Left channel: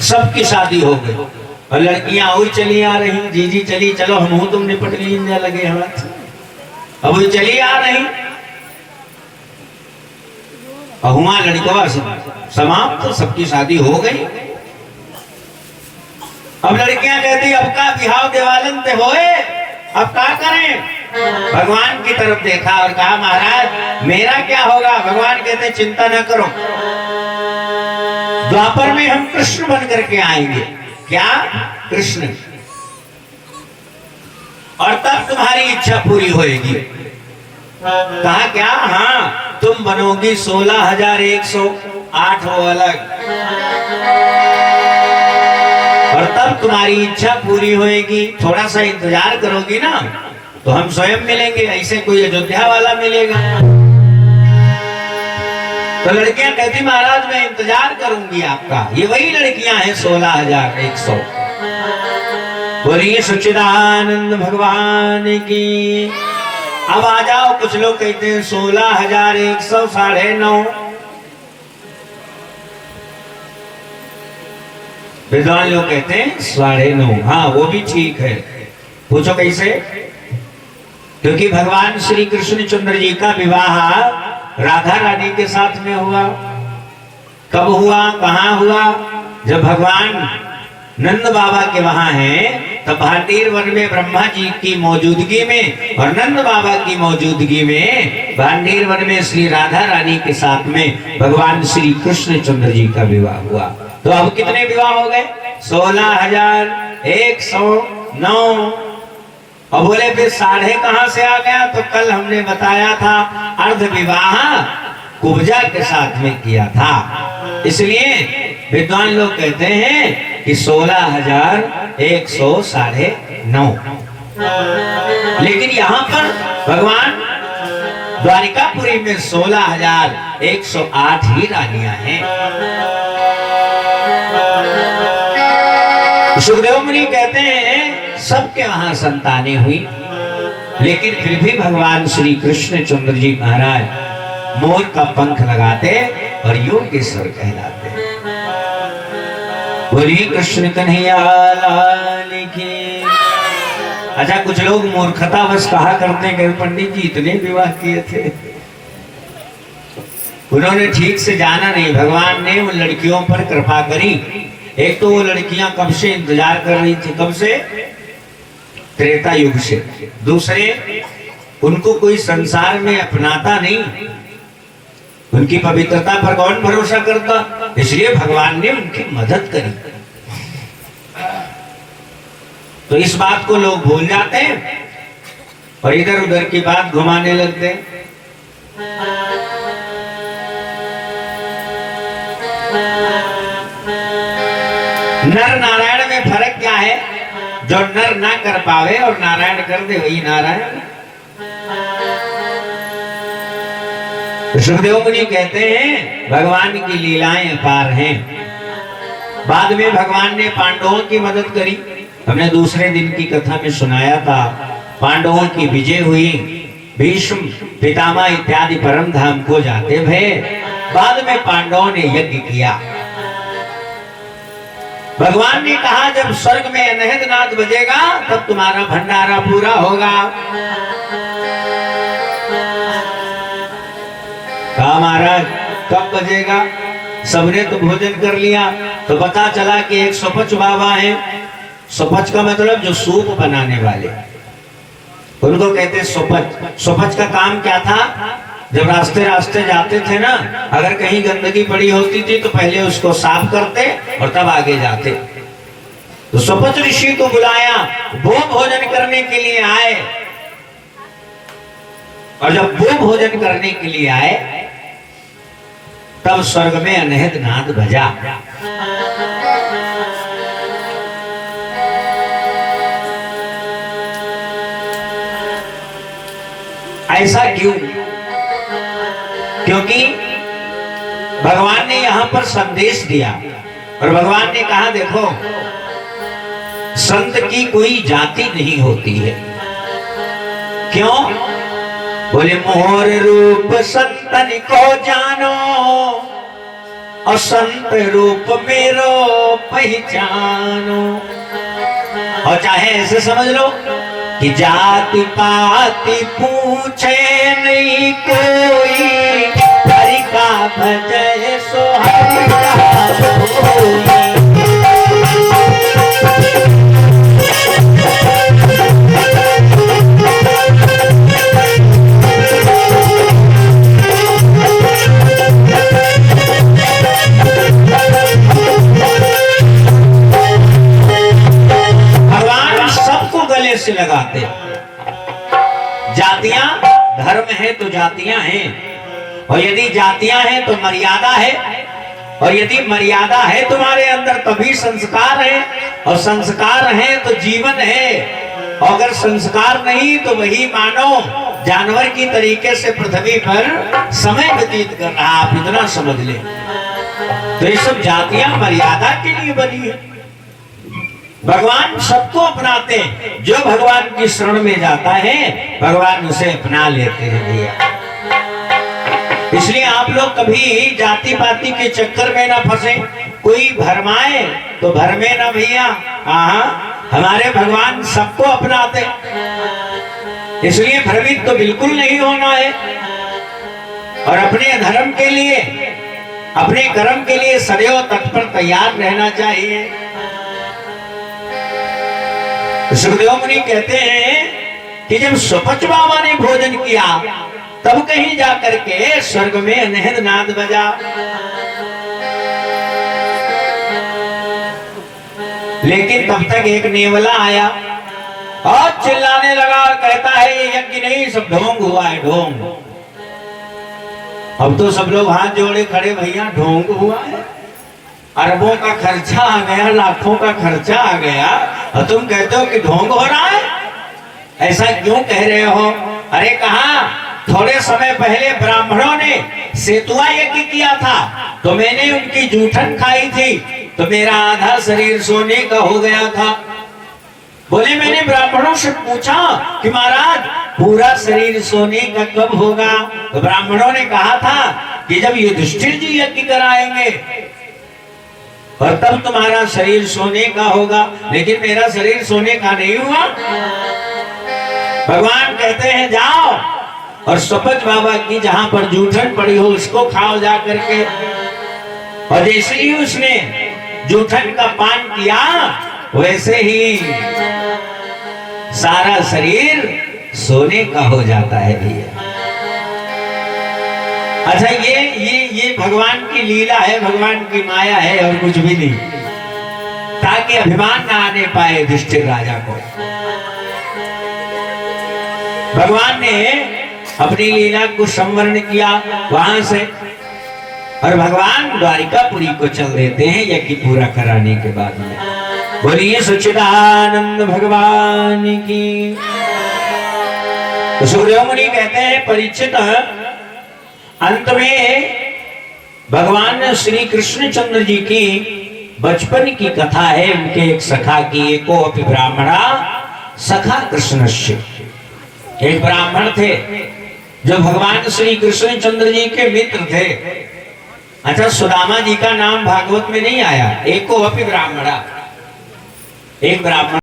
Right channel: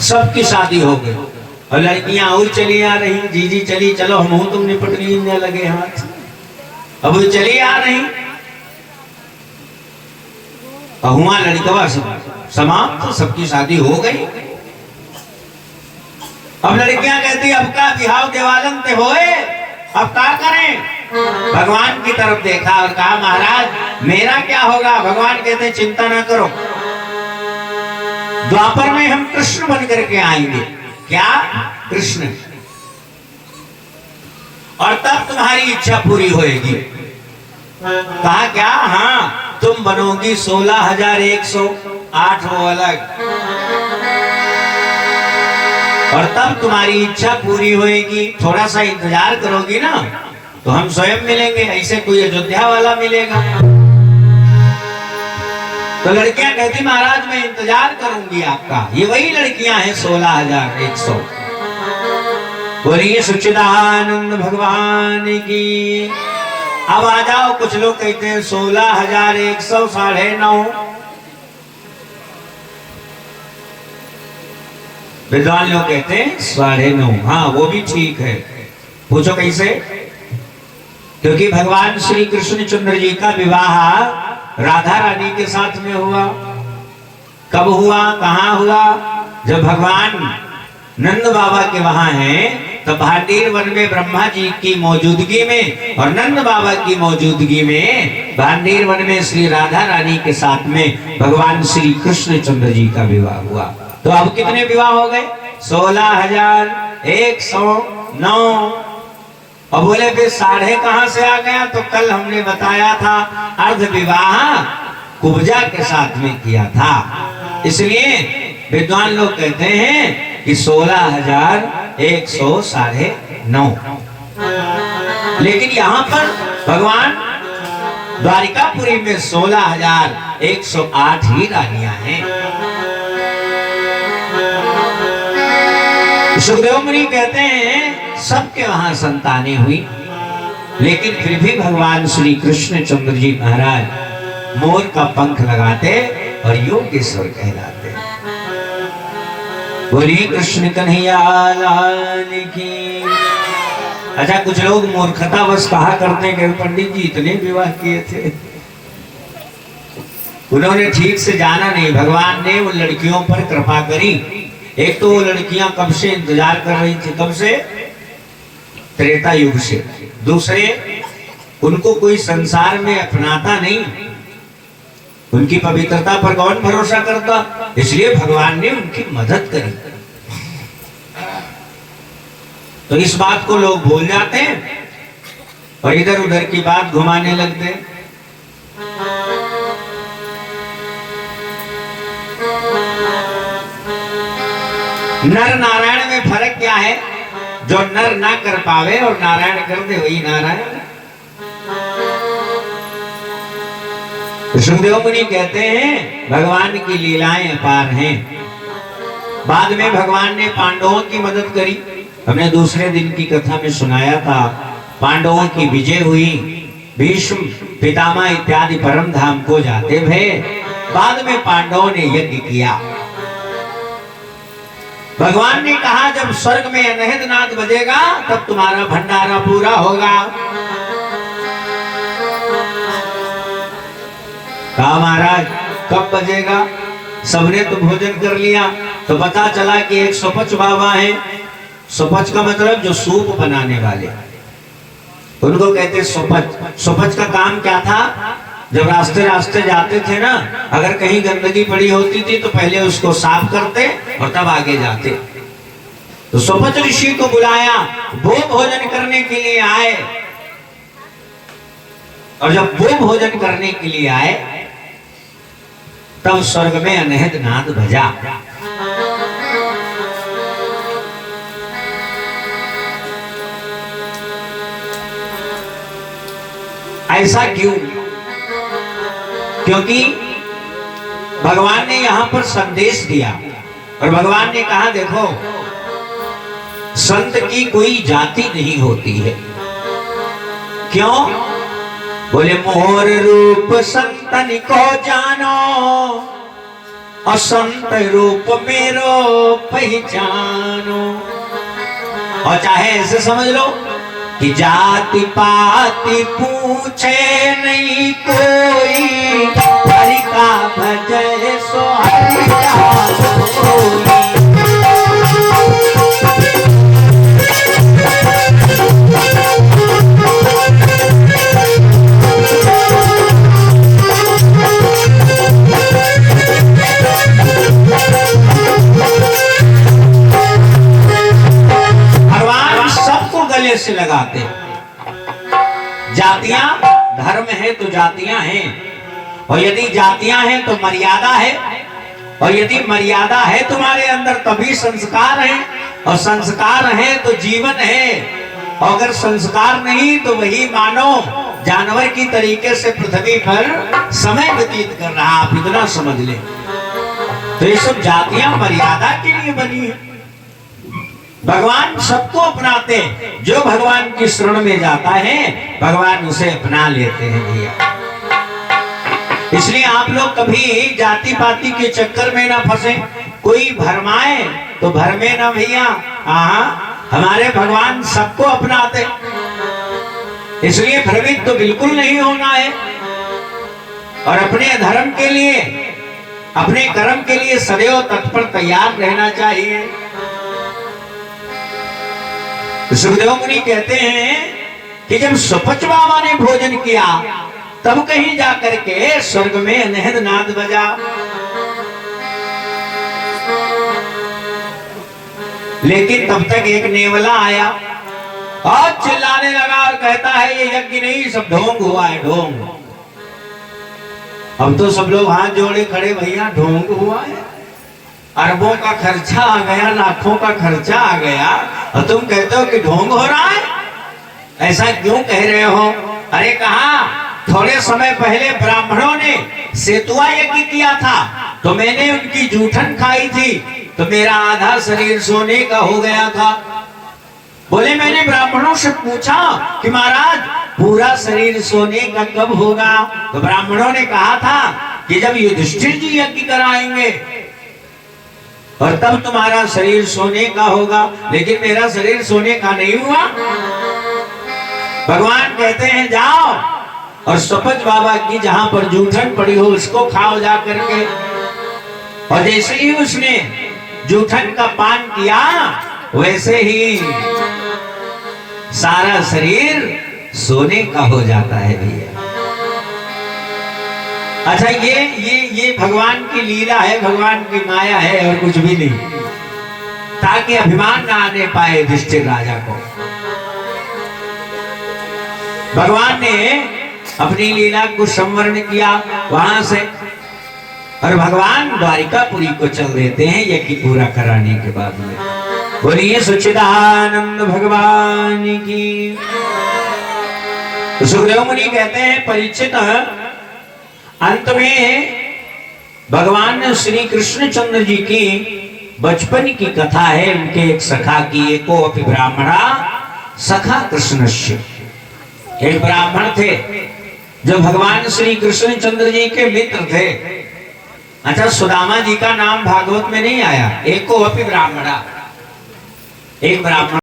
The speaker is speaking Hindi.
सबकी शादी हो गई और लड़कियां और चली आ रही, जीजी चली चलो हम तुम निपट गई लगे हाथ, अब वो चली आ रही और हुआ लड़कवा समाप्त, तो सबकी शादी हो गई। अब लड़कियां कहती अब का बिहाव देवालन पे होए, अब क्या करें। भगवान की तरफ देखा और कहा महाराज मेरा क्या होगा। भगवान कहते चिंता ना करो, द्वापर में हम कृष्ण बन करके आएंगे। क्या कृष्ण, और तब तुम्हारी इच्छा पूरी होएगी। कहा क्या, हाँ तुम बनोगी 16,108 वो अलग, और तब तुम्हारी इच्छा पूरी होएगी। थोड़ा सा इंतजार करोगी ना तो हम स्वयं मिलेंगे, ऐसे कोई अयोध्या वाला मिलेगा। तो लड़कियां कहती महाराज मैं इंतजार करूंगी आपका। ये वही लड़कियां हैं 16,100। बोलिए सच्चिदानंद भगवान की। अब आ जाओ, कुछ लोग कहते हैं 16,100 9.5। विद्वान लोग कहते हैं 9.5। हाँ वो भी ठीक है। पूछो कैसे। क्योंकि भगवान श्री कृष्ण चंद्र जी का विवाह राधा रानी के साथ में हुआ। कब हुआ, कहाँ हुआ। जब भगवान नंद बाबा के वहां हैं तब भांडीर वन में ब्रह्मा जी की मौजूदगी में और नंद बाबा की मौजूदगी में भांडीर वन में श्री राधा रानी के साथ में भगवान श्री कृष्ण चंद्र जी का विवाह हुआ। तो अब कितने विवाह हो गए, 16,109। और बोले फिर 9.5 कहां से आ गया। तो कल हमने बताया था अर्ध विवाह कुब्जा के साथ में किया था, इसलिए विद्वान लोग कहते हैं कि 16,100 9.5। लेकिन यहाँ पर भगवान द्वारिकापुरी में 16,108 ही रानियां हैं। सुखदेव मुनि कहते हैं सबके वहां संतानें हुई, लेकिन फिर भी भगवान श्री कृष्ण चंद्र जी महाराज मोर का पंख लगाते और योगेश्वर कहलाते। बोलिए कृष्ण कन्हैया लाल की। अच्छा कुछ लोग मूर्खतावश कहा करते हैं कि पंडित जी इतने विवाह किए थे, उन्होंने ठीक से जाना नहीं। भगवान ने उन लड़कियों पर कृपा करी। एक तो वो लड़कियां कब से इंतजार कर रही थी, कब से, त्रेता युग से। दूसरे उनको कोई संसार में अपनाता नहीं, उनकी पवित्रता पर कौन भरोसा करता, इसलिए भगवान ने उनकी मदद करी। तो इस बात को लोग भूल जाते हैं और इधर उधर की बात घुमाने लगते हैं। नर नारायण में फर्क क्या है। जो नर ना कर पावे और नारायण कर दे वही नारायण। सुखदेव मुनि कहते हैं भगवान की लीलाएं अपार हैं। बाद में भगवान ने पांडवों की मदद करी। हमने दूसरे दिन की कथा में सुनाया था, पांडवों की विजय हुई, भीष्म पितामह इत्यादि परम धाम को जाते भय। बाद में पांडवों ने यज्ञ किया। भगवान ने कहा जब स्वर्ग में अनहद नाद बजेगा तब तुम्हारा भंडारा पूरा होगा। कहा महाराज कब बजेगा। सबने तो भोजन कर लिया तो पता चला कि एक सुपच बाबा है। सुपच का मतलब जो सूप बनाने वाले, उनको कहते सुपच। सुपच का काम क्या था, जब रास्ते रास्ते जाते थे ना, अगर कहीं गंदगी पड़ी होती थी तो पहले उसको साफ करते और तब आगे जाते। तो सुपच ऋषि को बुलाया, वो भोजन करने के लिए आए। और जब वो भोजन करने के लिए आए तब स्वर्ग में अनहद नाद बजा। ऐसा क्यों, क्योंकि भगवान ने यहां पर संदेश दिया और भगवान ने कहा देखो संत की कोई जाति नहीं होती है। क्यों, बोले मोर रूप संतन को जानो, और संत रूप मेरो पहचानो। और चाहे ऐसे समझ लो कि जाति पाति पूछे नहीं कोई, हरि का भजय सो हरि का कोई। से लगाते। जातियां धर्म है तो जातियां हैं, और यदि जातियां हैं तो मर्यादा है, और यदि मर्यादा है तुम्हारे अंदर तभी संस्कार है, और संस्कार है तो जीवन है, और अगर संस्कार नहीं तो वही मानो जानवर की तरीके से पृथ्वी पर समय व्यतीत कर रहा। आप इतना समझ ले। तो ये सब जातियां मर्यादा के लिए बनी है। भगवान सबको अपनाते हैं। जो भगवान की शरण में जाता है भगवान उसे अपना लेते हैं भैया। इसलिए आप लोग कभी जाति पाति के चक्कर में ना फंसे। कोई भरमाए तो भरमे ना भैया। हमारे भगवान सबको अपनाते, इसलिए भ्रमित तो बिल्कुल नहीं होना है। और अपने धर्म के लिए, अपने कर्म के लिए सदैव तत्पर तैयार रहना चाहिए। सुखदेव मुनि कहते हैं कि जब सुपच बाबा ने भोजन किया तब कहीं जाकर के स्वर्ग में अनहद नाद बजा। लेकिन तब तक एक नेवला आया और चिल्लाने लगा और कहता है ये यज्ञ नहीं, सब ढोंग हुआ है, ढोंग। अब तो सब लोग हाथ जोड़े खड़े, भैया ढोंग हुआ है, अरबों का खर्चा आ गया, लाखों का खर्चा आ गया, और तुम कहते हो कि ढोंग हो रहा है। ऐसा क्यों कह रहे हो? अरे कहा थोड़े समय पहले ब्राह्मणों ने सेतुआ यज्ञ किया था, तो मैंने उनकी जूठन खाई थी, तो मेरा आधा शरीर सोने का हो गया था। बोले मैंने ब्राह्मणों से पूछा कि महाराज पूरा शरीर सोने का कब होगा? तो ब्राह्मणों ने कहा था कि जब युधिष्ठिर जी यज्ञ कराएंगे और तब तुम्हारा शरीर सोने का होगा। लेकिन मेरा शरीर सोने का नहीं हुआ। भगवान कहते हैं जाओ और सुपच बाबा की जहां पर जूठन पड़ी हो उसको खाओ जा करके। और जैसे ही उसने जूठन का पान किया वैसे ही सारा शरीर सोने का हो जाता है भैया। अच्छा ये भगवान की लीला है, भगवान की माया है और कुछ भी नहीं, ताकि अभिमान ना आने पाए युधिष्ठिर राजा को। भगवान ने अपनी लीला को संवरण किया वहां से, और भगवान द्वारिकापुरी को चल देते हैं यज्ञ पूरा कराने के बाद में। बोलिए सच्चिदानंद भगवान की। तो सुखदेव मुनि कहते हैं परीक्षित, अंत में भगवान ने श्री कृष्ण चंद्र जी की बचपन की कथा है। उनके एक सखा की, एको अपि ब्राह्मणा सखा कृष्णस्य। एक ब्राह्मण थे जो भगवान श्री कृष्ण चंद्र जी के मित्र थे। अच्छा, सुदामा जी का नाम भागवत में नहीं आया। एको अपि ब्राह्मणा, एक ब्राह्मण